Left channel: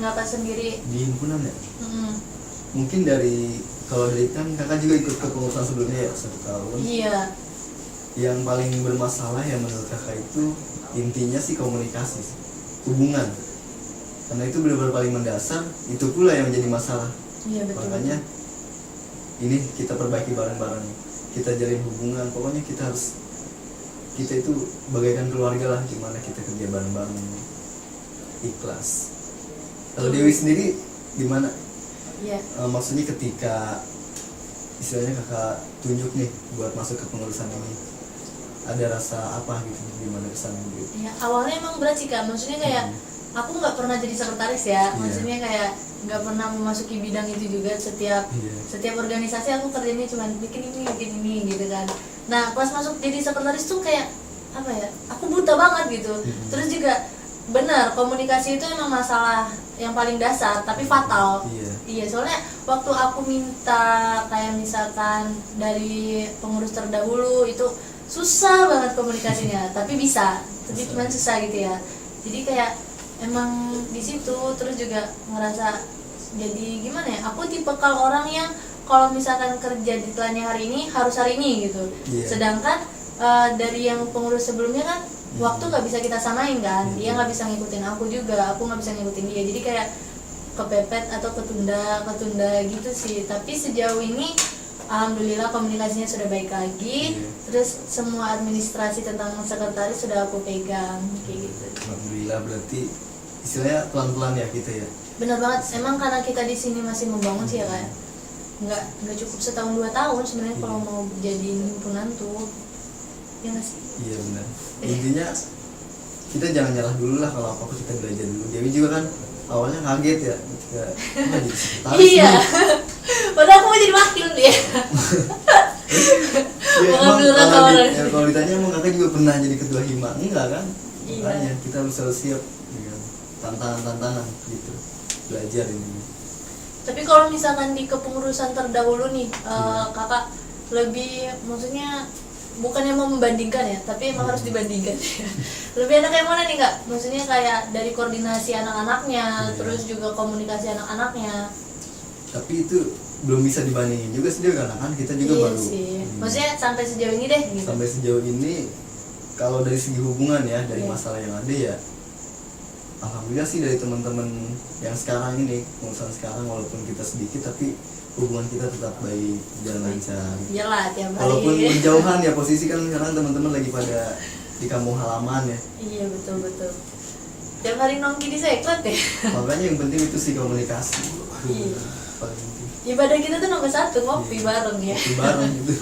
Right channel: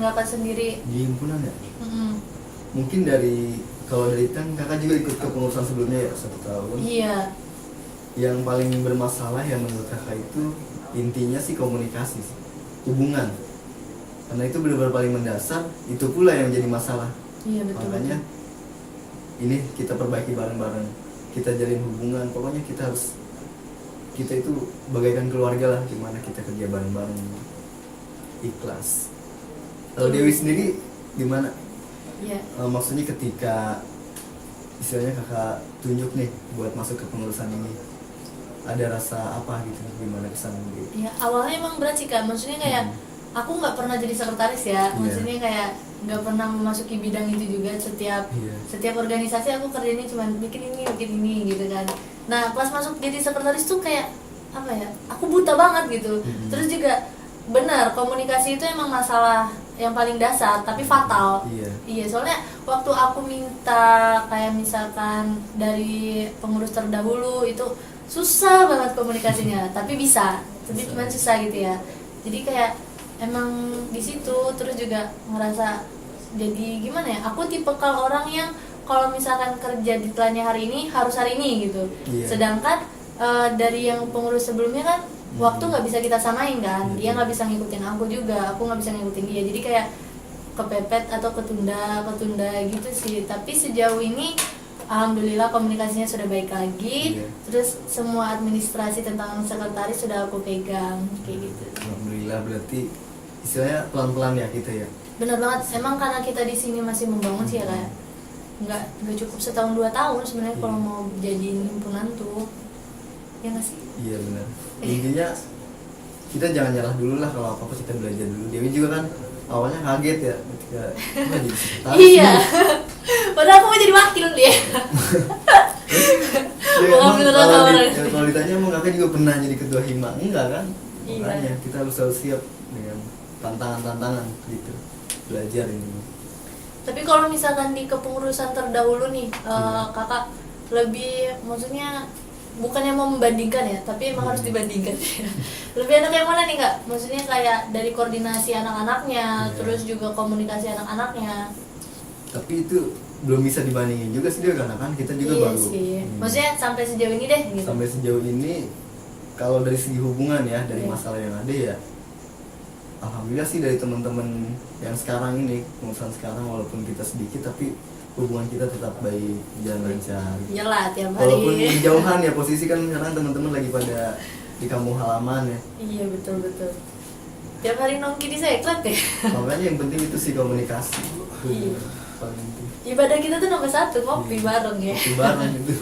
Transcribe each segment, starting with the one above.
kakak sendiri di himpunan ya. Mm-mm. Mungkin kalau dari kan kakak juga ikut kepengurusan sebelumnya ya 1 tahun. Iya. Yang paling bermasalah yang menurut kakak itu intinya sih komunikasi, hubungan. Karena itu benar-benar paling mendasar, itu pula yang menjadi masalah. Iya betul. Makanya ini kita perbaiki bareng-bareng, kita jalin hubungan. Pokoknya kita itu bagaikan keluarga lah, gimana kita kerja bareng-bareng, ikhlas. Kalau Dewi sendiri gimana? Iya. Maksudnya ketika istilahnya kakak tunjuk nih buat masuk ke pengurusan ini, ada rasa apa gitu, gimana kesan gitu? Ya, awalnya emang berat sih Kak, maksudnya kayak aku nggak pernah jadi sekretaris ya, maksudnya kayak nggak pernah memasuki bidang itu juga. Setiap organisasi aku kerjanya cuma bikin ini gitu kan. Nah pas masuk jadi sekretaris tuh kayak apa ya, aku buta banget gitu. Terus juga benar, komunikasi itu emang masalah yang paling dasar tapi fatal. Iya, soalnya waktu aku minta kayak misalkan dari pengurus terdahulu itu susah banget komunikasinya, tapi cuma susah gitu ya. Jadi kayak emang di situ terus juga ngerasa jadi gimana ya, aku tipikal orang yang kalau misalkan kerja deadline hari ini harus hari ini gitu. Sedangkan dari yang pengurus sebelumnya kan waktu nggak bisa kita samain kan, dia nggak bisa ngikutin aku juga, aku nggak bisa ngikutin dia, jadi kayak kepepet atau ketunda gitu sih. Tapi sejauh ini alhamdulillah komunikasinya sudah baik lagi. Terus semua administrasi tentang sekretaris sudah aku pegang kayak gitu. Alhamdulillah, berarti istilahnya pelan-pelan ya kita ya. Benar banget, emang karena kita di sini masih membangun sih ya kayak nggak cukup 1-2 tahun sebenarnya kalau mau jadiin himpunan tuh, ya nggak sih? Iya benar. Intinya kita jangan nyerah dulu lah, kalau apa-apa kita belajar dulu. Dewi juga kan awalnya kaget ya ketika jadi sekretaris. Iya. Padahal aku mau jadi wakil dia. Kalau ditanya emang kakak juga pernah jadi ketua hima? Enggak kan? Makanya kita harus selalu siap dengan tantangan gitu, belajar ini. Tapi kalau misalkan di kepengurusan terdahulu nih, kakak lebih, maksudnya bukannya mau membandingkan ya, tapi emang harus dibandingkan. Lebih enak yang mana nih Kak? Maksudnya kayak dari koordinasi anak-anaknya, terus juga komunikasi anak-anaknya. Tapi itu belum bisa dibandingin juga sih, karena kan kita juga baru sih. Maksudnya sampai sejauh ini deh gitu. Sampai sejauh ini kalau dari segi hubungan ya, dari masalah yang ada ya, alhamdulillah sih dari teman-teman yang sekarang ini, pengurusan sekarang, walaupun kita sedikit tapi hubungan kita tetap baik, jalan lancar. Iyalah tiap hari. Walaupun berjauhan ya, posisi kan sekarang teman-teman lagi pada di kampung halaman ya. Iya betul. Tiap hari nongki di sekret ya. Makanya yang penting itu sih komunikasi. Paling penting. Ibadah kita tuh nomor 1, ngopi bareng ya. Ngopi bareng gitu.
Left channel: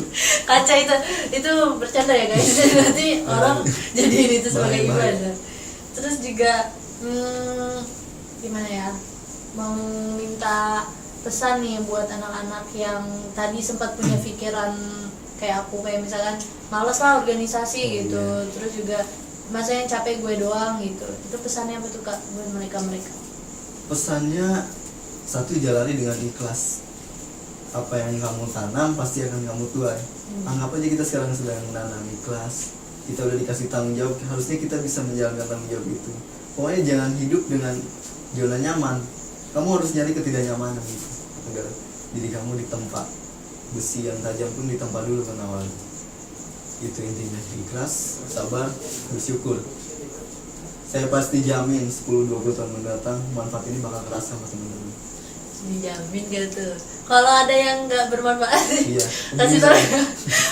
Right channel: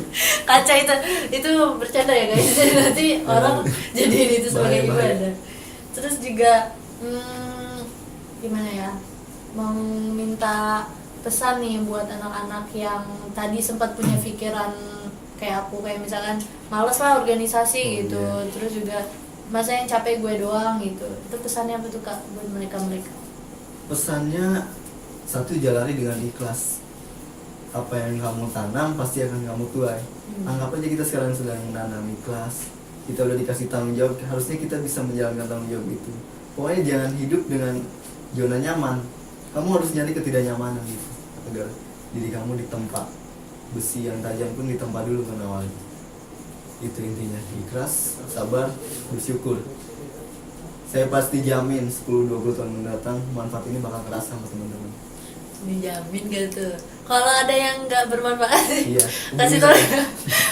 Kaca itu bercanda ya guys. Nanti orang jadiin itu sebagai ibadah. Terus juga gimana ya, mau minta pesan nih buat anak-anak yang tadi sempat punya pikiran kayak aku, kayak misalkan males lah organisasi gitu. Terus juga masa yang capek gue doang gitu. Itu pesannya apa tuh Kak buat mereka? Pesannya satu, jalani dengan ikhlas. Apa yang kamu tanam pasti akan kamu tuai. Anggap aja kita sekarang sedang menanam, ikhlas. Kita udah dikasih tanggung jawab, harusnya kita bisa menjalankan tanggung jawab itu. Pokoknya jangan hidup dengan zona nyaman. Kamu harus nyari ketidaknyamanan gitu, agar diri kamu ditempa. Besi yang tajam pun ditempa dulu kan awalnya. Itu intinya, ikhlas, sabar, bersyukur. Saya pasti jamin 10-20 tahun mendatang manfaat ini bakal terasa sama teman-teman. Dijamin gak tuh? Kalau ada yang nggak bermanfaat, kasih tau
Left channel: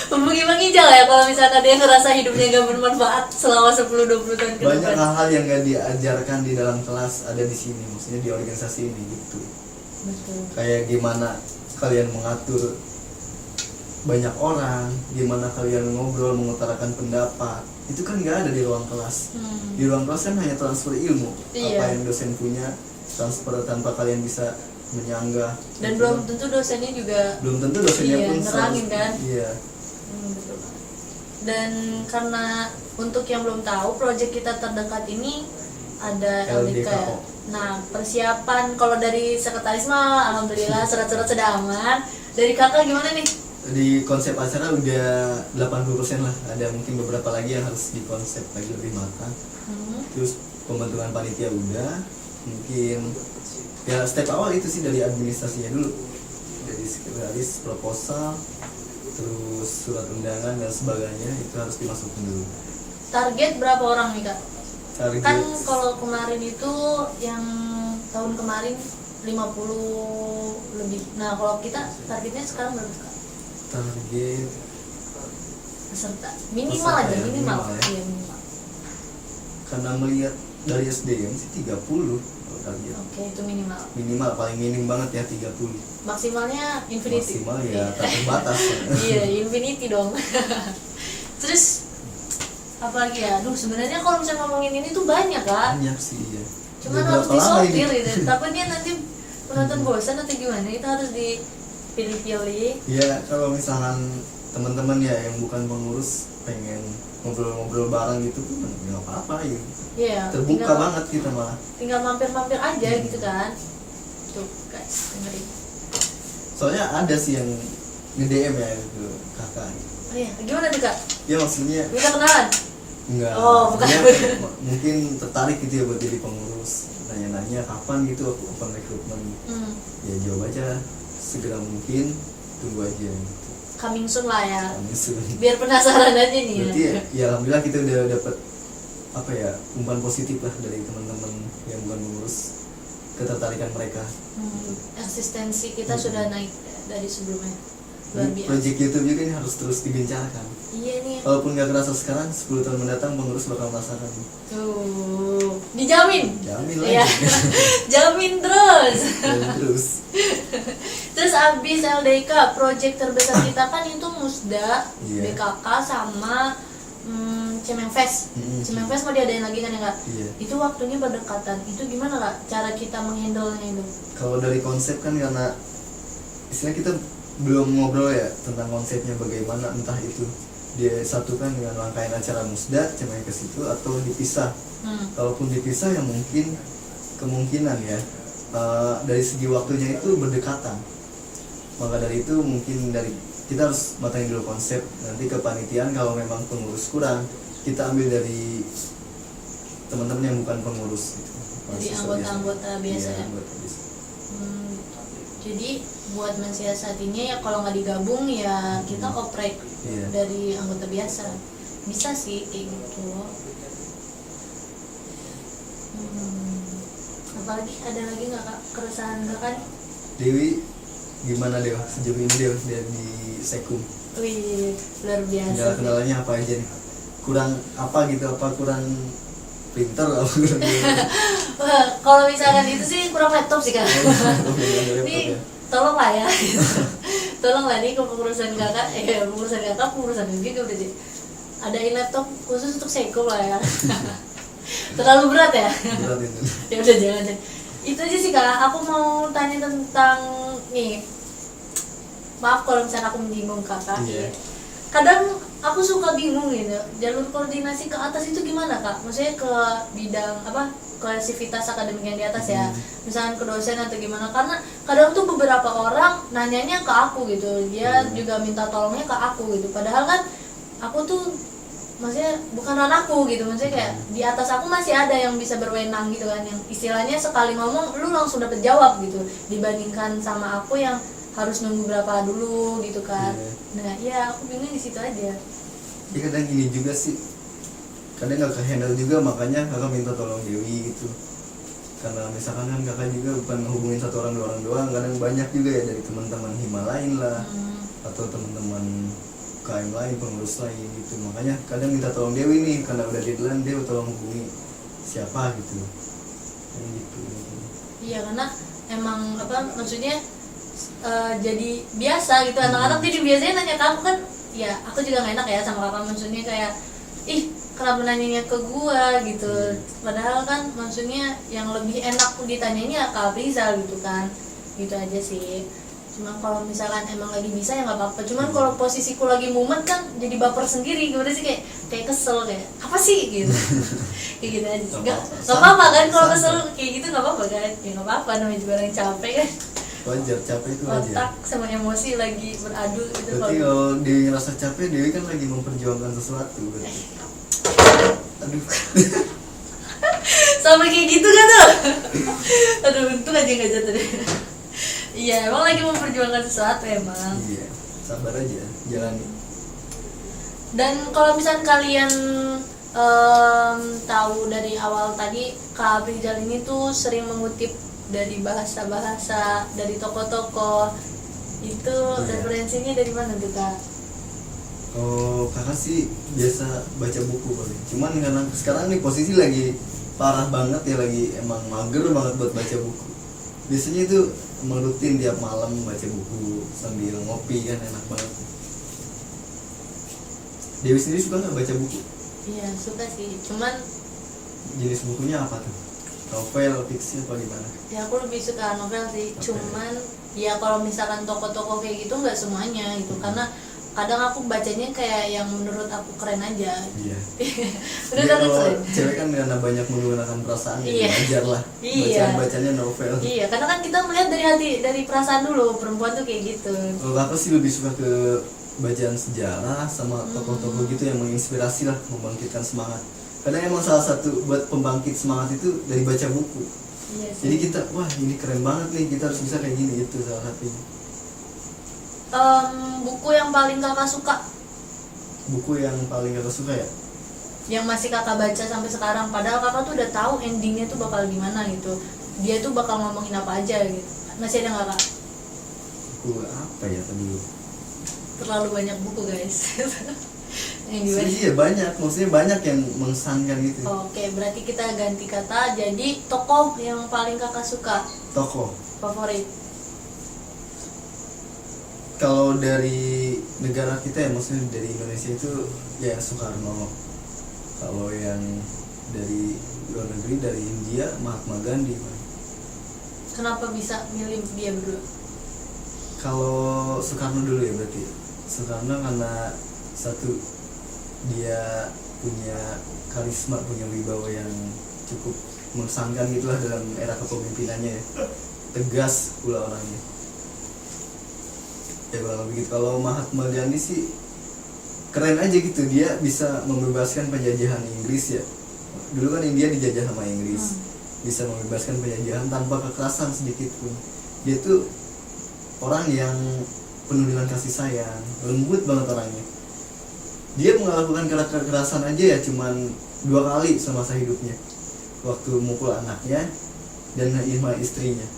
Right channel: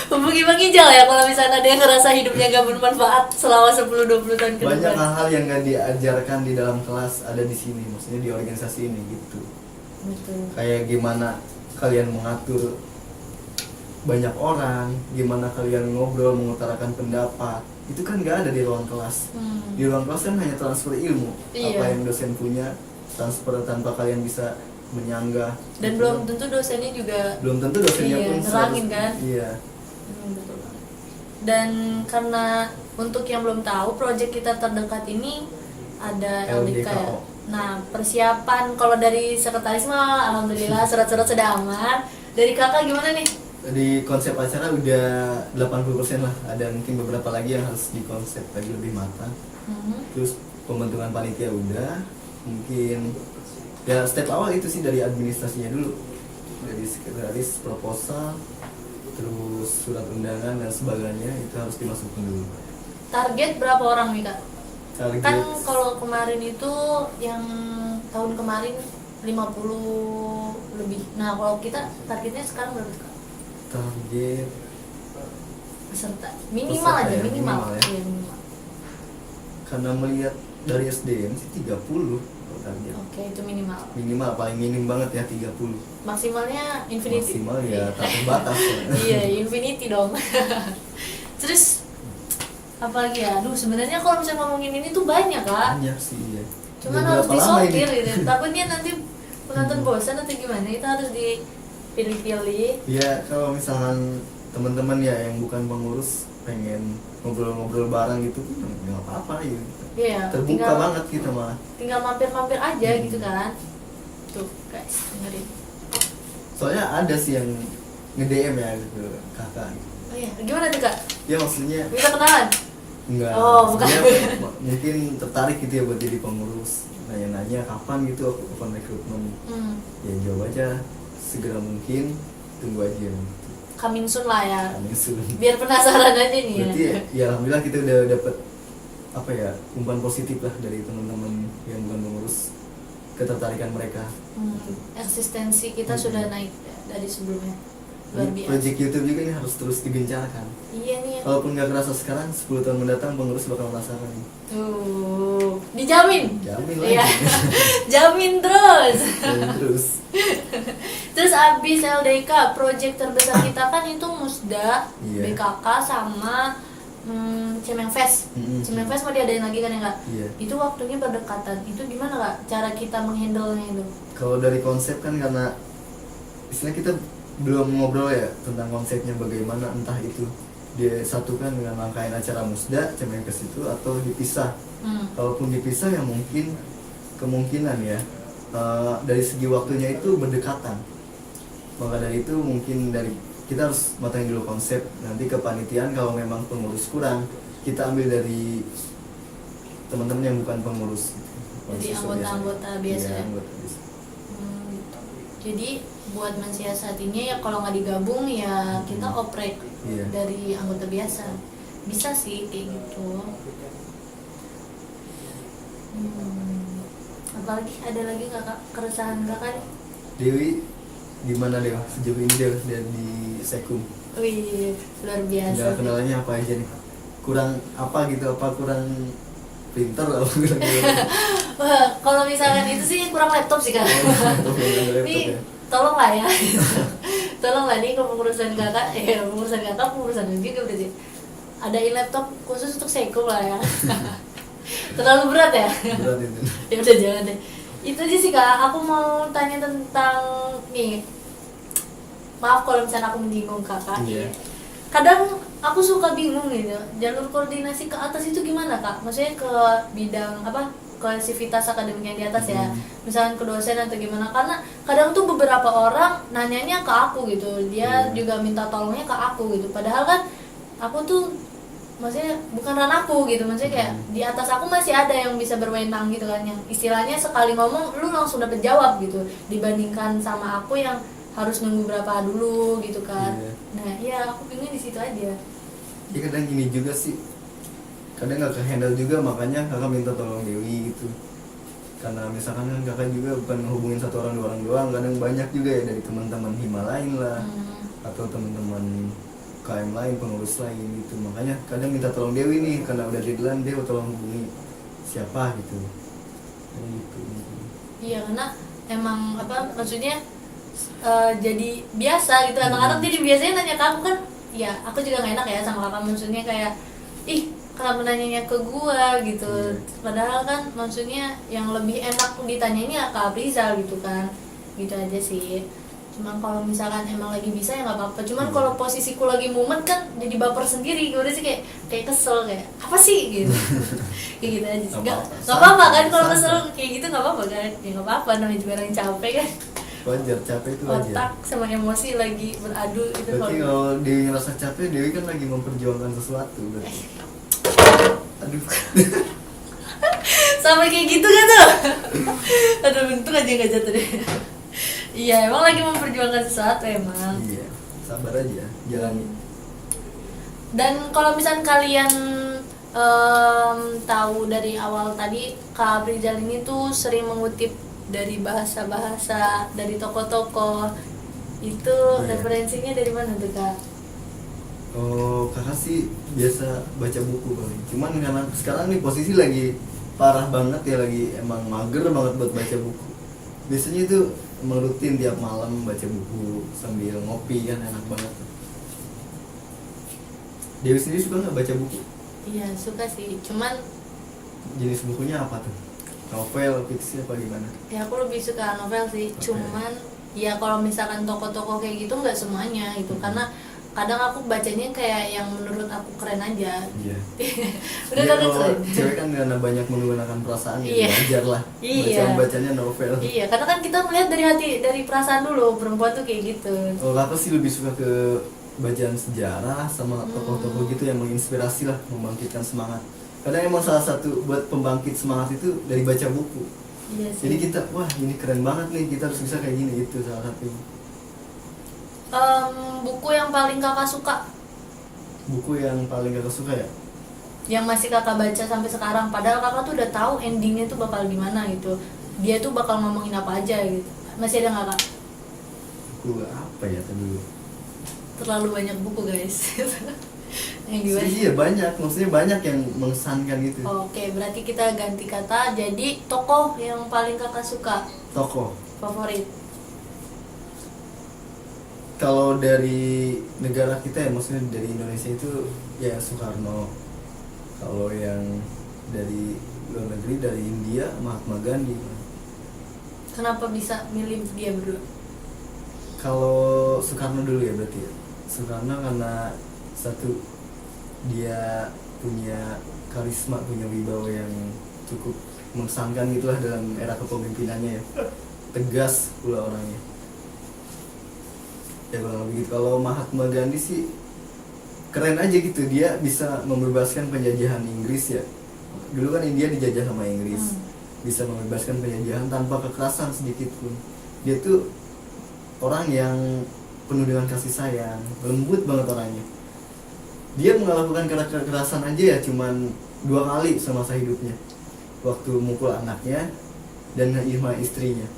hubungi Bang Ijal ya kalau misalkan dia ngerasa hidupnya nggak bermanfaat selama 10-20 tahun ke depan. Banyak hal-hal yang nggak diajarkan di dalam kelas ada di sini, maksudnya di organisasi ini gitu. Betul. Kayak gimana kalian mengatur banyak orang, gimana kalian ngobrol, mengutarakan pendapat, itu kan nggak ada di ruang kelas. Di ruang kelas kan hanya transfer ilmu, apa yang dosen punya, transfer tanpa kalian bisa menyanggah. Dan gitu. belum tentu dosennya pun nerangin kan. Betul. Dan karena untuk yang belum tahu, proyek kita terdekat ini ada LDK. Nah, persiapan kalau dari sekretaris mah alhamdulillah surat-surat sudah aman. Dari kakak gimana nih? Di konsep acara udah 80% lah. Ada mungkin beberapa lagi yang harus dikonsep lagi lebih matang. Terus pembentukan panitia udah, mungkin Ya step awal itu sih dari administrasinya dulu, dari sekretaris, proposal, terus surat undangan dan sebagainya itu harus dimasukin dulu. Target berapa orang nih kak? Target Kan kalau kemarin itu yang tahun kemarin 50 lebih. Nah kalau kita targetnya sekarang berapa kak? target Peserta minimal Peserta aja, ya, minimal. minimal ya. Iya, minimal. karena melihat dari SDM sih 30 target. Oke, itu minimal. Minimal paling minim banget ya 30. Maksimalnya infinity. Maksimal ya tak terbatas. Iya, infinity dong. Terus apa lagi ya? Aduh, sebenarnya kalau misalnya ngomongin ini tuh banyak lah. Banyak sih ya. Cuman Udah harus berapa lama ini? disortir gitu. Takutnya nanti penonton bosan atau gimana? Itu harus dipilih-pilih. Ya kalau misalkan teman-teman ya yang bukan pengurus pengen ngobrol-ngobrol bareng gitu nggak apa-apa ya. Iya, Terbuka banget kita malah. tinggal mampir-mampir aja gitu kan. Tuh, guys, dengerin. Soalnya ada sih yang nge-DM ya ke kakak. Oh iya, gimana tuh kak? Ya maksudnya Bisa kenalan? enggak. Oh, bukan. Dia mungkin tertarik gitu ya buat jadi pengurus. Nanya-nanya kapan gitu aku open recruitment. Ya jawab aja segera mungkin, tunggu aja gitu. Coming soon lah ya. Langsung. Biar penasaran aja nih. Berarti ya alhamdulillah kita udah dapet apa ya umpan positif lah dari teman-teman yang bukan pengurus, ketertarikan mereka. Eksistensi kita sudah naik dari sebelumnya. Luar biasa. Project YouTube juga ini harus terus digencarkan. Iya nih. Walaupun nggak kerasa sekarang, 10 tahun mendatang pengurus bakal merasakan. Tuh, dijamin. Jamin Iya. lagi. Jamin terus. Dan terus. Terus abis LDK, project terbesar kita kan itu Musda, Iya. BKK sama Cemengfest. Cemengfest mau diadain lagi kan ya kak? Iya. Itu waktunya berdekatan. Itu gimana kak? Cara kita menghandle-nya itu? Kalau dari konsep kan karena istilah kita belum ngobrol ya tentang konsepnya bagaimana, entah itu dia satukan dengan rangkaian acara Musda Cemengkes itu atau dipisah. Kalaupun dipisah ya mungkin kemungkinan ya dari segi waktunya itu berdekatan. Maka dari itu mungkin dari kita harus matangin dulu konsep, nanti kepanitiaan kalau memang pengurus kurang kita ambil dari teman-teman yang bukan pengurus gitu. Jadi Mahasiswa anggota-anggota biasa. Iya, Ya? anggota biasa. Gitu. Jadi buat mensiasatinya ya kalau nggak digabung ya kita oprek Iya. dari anggota biasa. Bisa sih kayak gitu. Apalagi ada lagi kakak keresahan kakak nih? Dewi gimana Dew sejauh ini Dew dari Sekum? Wih, luar biasa. Nggak kenalannya apa aja nih? Kurang apa gitu? Apa kurang printer? Apa kurang Wah, kalau misalkan itu sih kurang laptop sih kak. Ini tolong lah ya. Tolong lah nih kalau pengurusan kakak, pengurusan juga udah sih. Adain laptop khusus untuk Sekum lah ya. Terlalu berat ya? Berat itu. Ya udah jangan deh. Itu aja sih kak. Aku mau tanya tentang nih. Maaf kalau misalnya aku menyinggung kakak. Iya. Kadang aku suka bingung gitu. Jalur koordinasi ke atas itu gimana kak? Maksudnya ke bidang apa? Ke sivitas akademik yang di atas ya. Misalnya ke dosen atau gimana? Karena kadang tuh beberapa orang nanyanya ke aku gitu. Dia juga minta tolongnya ke aku gitu. Padahal kan aku tuh maksudnya bukan ranahku gitu, maksudnya kayak di atas aku masih ada yang bisa berwenang gitu kan, yang istilahnya sekali ngomong lu langsung dapet jawab gitu, dibandingkan sama aku yang harus nunggu berapa dulu gitu kan. Nah ya aku bingung di situ aja. Ya kadang gini juga sih, kadang nggak kehandle juga, makanya kakak minta tolong Dewi gitu. Karena misalkan kan kakak juga bukan ngehubungin satu orang dua orang doang, kadang banyak juga ya dari teman-teman Hima lain lah, atau teman-teman KM lain, pengurus lain gitu. Makanya kadang minta tolong Dewi nih, karena udah deadline, Dewi tolong hubungi siapa gitu. Kayak gitu. Iya karena emang apa maksudnya jadi biasa gitu, anak-anak jadi biasanya nanya kamu kan, ya aku juga gak enak ya sama kakak, maksudnya kayak ih kenapa nanyanya ke gua gitu. Padahal kan maksudnya yang lebih enak ditanyanya ke Aprizal gitu kan, gitu aja sih. Cuma kalau misalkan emang lagi bisa ya nggak apa-apa. Cuman kalau posisiku lagi mumet kan jadi baper sendiri, gimana sih kayak kesel kayak apa sih gitu. Kayak gitu aja. Nggak apa-apa kan kalau kesel kayak gitu nggak apa-apa kan? Ya nggak apa-apa, namanya juga orang capek kan. Wajar, capek itu wajar. Otak sama emosi lagi beradu itu. Berarti kalau Dewi ngerasa capek, Dewi kan lagi memperjuangkan sesuatu berarti. Aduh. Sampai kayak gitu kan tuh. Aduh, untung aja nggak jatuh deh. Iya, emang lagi memperjuangkan sesuatu emang. Iya, sabar aja, jalani. Dan kalau misalnya kalian tahu dari awal tadi, Kak Abrizal ini tuh sering mengutip dari bahasa-bahasa dari tokoh-tokoh. Itu Iya. referensinya dari mana tuh, Kak? Oh, kakak sih biasa baca buku paling. Cuman karena sekarang nih posisi lagi parah banget ya, lagi emang mager banget buat baca buku. Biasanya itu emang rutin tiap malam baca buku sambil ngopi kan, enak banget. Dewi sendiri suka nggak baca buku? Iya, suka sih. Cuman Jenis bukunya apa tuh? Novel, fiksi apa gimana? ya aku lebih suka novel sih. Oke. Cuman ya kalau misalkan tokoh-tokoh kayak gitu nggak semuanya gitu. Karena kadang aku bacanya kayak yang menurut aku keren aja. Iya. Udah Iya, kan kalau keren. cewek kan karena banyak menggunakan perasaan ya Iya. wajar lah. Iya. Bacanya novel. Iya, karena kan kita melihat dari hati, dari perasaan dulu. Perempuan tuh kayak gitu. Kalau kakak sih lebih suka ke bacaan sejarah sama tokoh-tokoh gitu yang menginspirasi lah, membangkitkan semangat. Kadang emang salah satu buat pembangkit semangat itu dari baca buku. Iya sih. Jadi kita, wah ini keren banget nih, kita harus bisa kayak gini, itu salah satunya. Buku yang paling kakak suka, Buku yang paling kakak suka ya? yang masih kakak baca sampai sekarang, padahal kakak tuh udah tahu endingnya tuh bakal gimana gitu, dia tuh bakal ngomongin apa aja gitu, masih ada nggak, Kak? Buku apa ya tadi? Terlalu banyak buku guys. Yang dibaca. Iya banyak, maksudnya banyak yang mengesankan gitu. Oke, berarti kita ganti kata jadi tokoh yang paling kakak suka, Tokoh. favorit. Kalau dari negara kita ya, maksudnya dari Indonesia itu ya Soekarno. Kalau yang dari luar negeri, dari India, Mahatma Gandhi. Kenapa bisa milih dia berdua? Kalau Soekarno dulu ya berarti ya. Soekarno karena satu, dia punya karisma, punya wibawa yang cukup mengesankan gitulah dalam era kepemimpinannya ya. Tegas pula orangnya. Ya kalau begitu. Kalau Mahatma Gandhi sih keren aja gitu, dia bisa membebaskan penjajahan Inggris ya. Dulu kan India dijajah sama Inggris. Bisa membebaskan penjajahan tanpa kekerasan sedikit pun. Dia tuh orang yang penuh dengan kasih sayang, lembut banget orangnya. Dia melakukan kekerasan aja ya cuman 2 kali semasa hidupnya. Waktu mukul anaknya dan sama istrinya.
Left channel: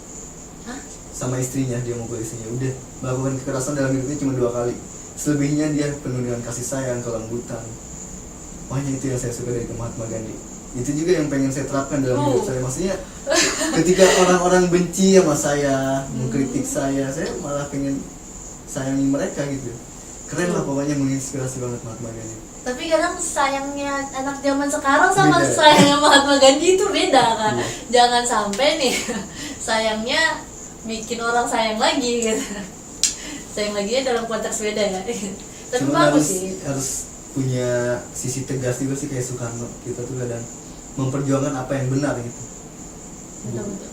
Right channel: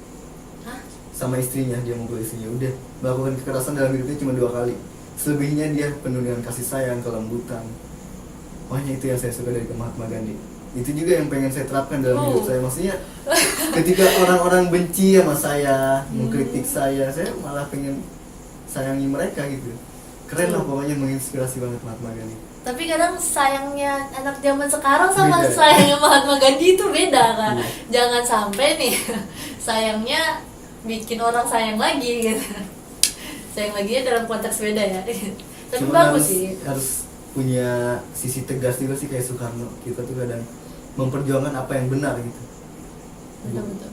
Hah? Sama istrinya dia mukul istrinya, udah melakukan kekerasan dalam hidupnya cuma 2 kali. Selebihnya dia penuh dengan kasih sayang, kelembutan. Makanya itu yang saya suka dari Mahatma Gandhi. Itu juga yang pengen saya terapkan dalam hidup saya. Maksudnya ketika orang-orang benci sama saya, mengkritik saya malah pengen sayangi mereka gitu. Keren lah pokoknya, menginspirasi banget Mahatma Gandhi. Tapi kadang sayangnya anak zaman sekarang sama Beda ya? sayangnya Mahatma Gandhi itu beda kan. Iya. Jangan sampai nih sayangnya bikin orang sayang lagi gitu. Sayang lagi ya dalam konteks beda ya. Tapi Cuma bagus sih. harus punya sisi tegas juga sih kayak Soekarno. Kita tuh kadang memperjuangkan apa yang benar gitu. Betul-betul.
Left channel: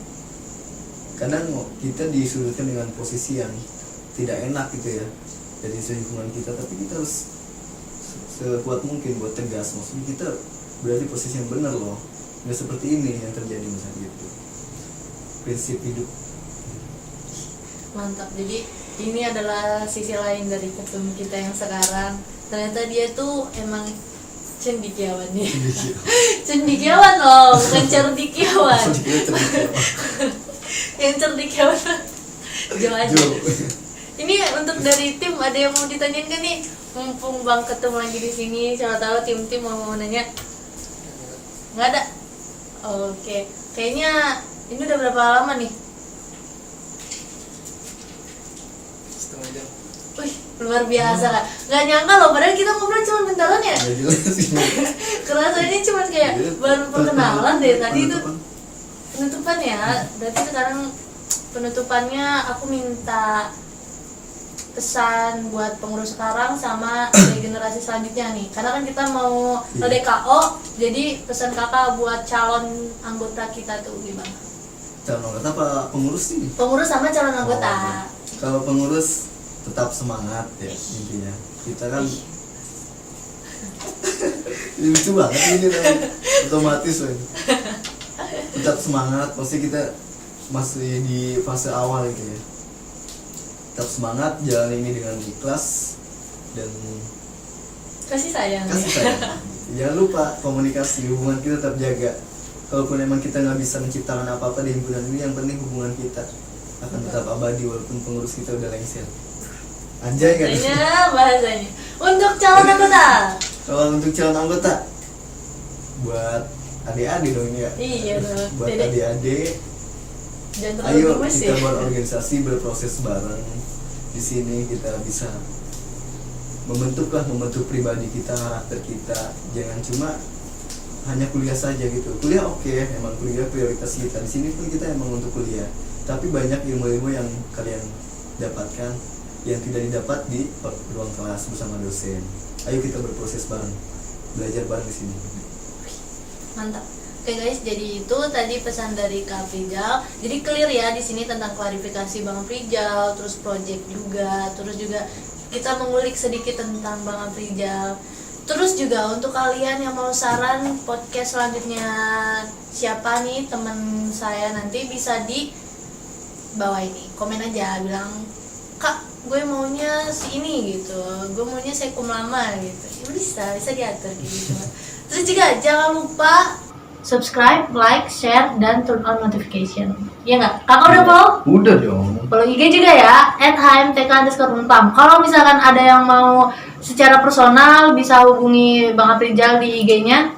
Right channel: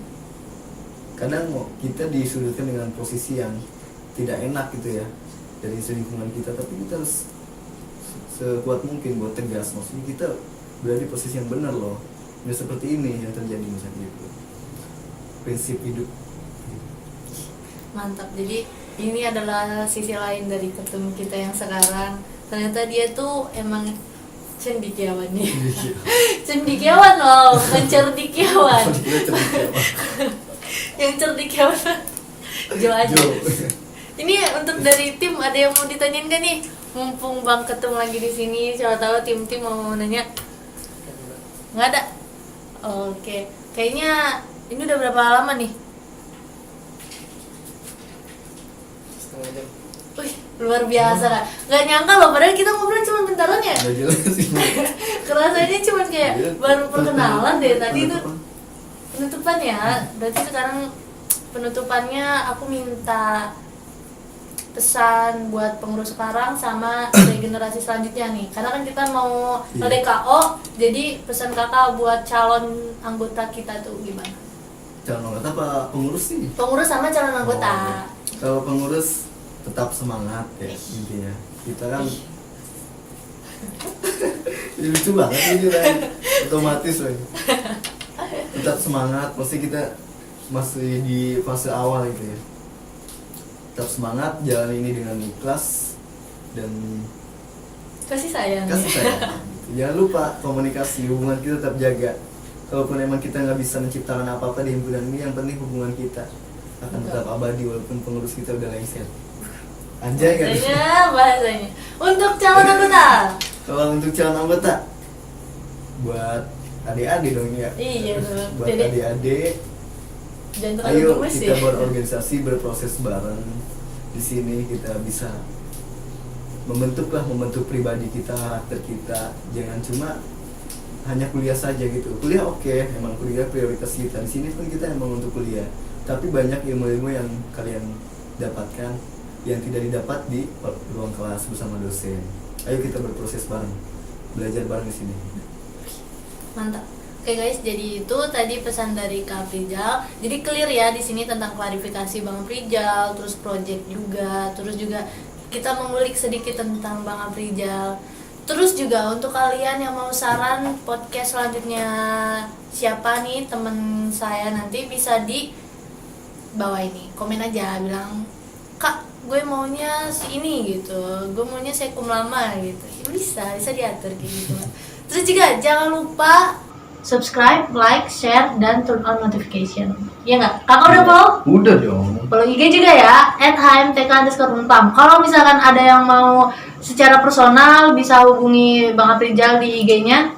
Kadang kita disudutkan dengan posisi yang tidak enak gitu ya dari lingkungan kita, tapi kita harus sekuat mungkin buat tegas. Maksudnya kita berada di posisi yang benar loh, nggak seperti ini yang terjadi misalnya gitu. Prinsip hidup. Mantap. Jadi ini adalah sisi lain dari ketemu kita yang sekarang. Ternyata dia tuh emang cendekiawan nih. Cendekiawan loh, bukan cerdikiawan. Yang cerdikiawan Jo aja. Jo. Ini untuk dari tim, ada yang mau ditanyain kan nih? Mumpung Bang Ketum lagi di sini, siapa tahu tim-tim mau nanya. Nggak ada. Oke, kayaknya ini udah berapa lama nih? Setengah jam. Wih, luar biasa kan? Nggak nyangka loh, padahal kita ngobrol cuma bentaran ya. Nggak jelas sih. Kerasanya cuma kayak Iya, baru perkenalan deh tadi itu. penutupan. Penutupan ya, berarti sekarang penutupannya aku minta pesan buat pengurus sekarang sama dari generasi selanjutnya nih, karena kan kita mau Iya. LDKO, jadi pesan kakak buat calon anggota kita tuh gimana? Calon anggota apa pengurus sih? Pengurus sama calon anggota. Oh, oke. Kalau pengurus tetap semangat ya intinya. Kita kan ini lucu banget ini kan otomatis woy. tetap semangat, masih kita masih di fase awal gitu ya. Tetap semangat, jalan ini dengan ikhlas dan Kasih sayang. kasih sayang. Jangan lupa komunikasi, hubungan kita tetap jaga. Kalaupun emang kita nggak bisa menciptakan apa-apa di himpunan ini, yang penting hubungan kita akan tetap abadi walaupun pengurus kita udah lengser. Anjay kan? Iya bahasanya. Untuk calon anggota. Kalau untuk calon anggota, buat adik-adik dong ya. Iya dong. Buat Dedek, adik-adik, jangan terlalu ayo gemes kita ya. berorganisasi, berproses bareng. Di sini kita bisa membentuk pribadi kita, karakter kita. Jangan cuma hanya kuliah saja gitu. Kuliah oke, emang kuliah prioritas kita. Di sini pun kita emang untuk kuliah. Tapi banyak ilmu-ilmu yang kalian dapatkan yang tidak didapat di ruang kelas bersama dosen. Ayo kita berproses bareng, belajar bareng di sini. Mantap. Oke guys, jadi itu tadi pesan dari Kak Prijal. Jadi clear ya di sini tentang klarifikasi Bang Prijal, terus project juga, terus juga kita mengulik sedikit tentang Bang Prijal. Terus juga untuk kalian yang mau saran podcast selanjutnya siapa nih teman saya, nanti bisa di bawah ini komen aja, bilang Kak gue maunya si ini gitu, gue maunya sekum lama gitu, ya, bisa diatur gitu. Terus juga jangan lupa subscribe, like, share, dan turn on notification. Iya nggak? Kakak udah follow? Udah dong. Follow IG juga ya, @hmtk_unpam. Kalau misalkan ada yang mau secara personal bisa hubungi Bang Aprijal di IG-nya.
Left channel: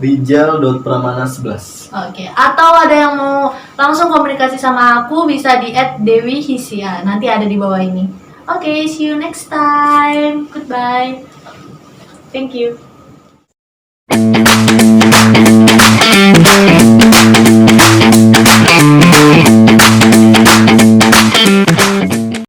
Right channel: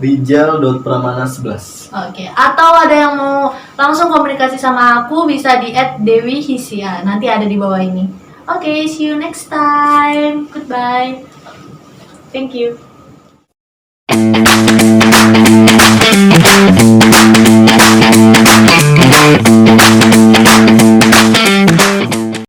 Rijal.pramana11. Oke, atau ada yang mau langsung komunikasi sama aku bisa di @dewihisia. Nanti ada di bawah ini. Oke, see you next time. Goodbye. Thank you.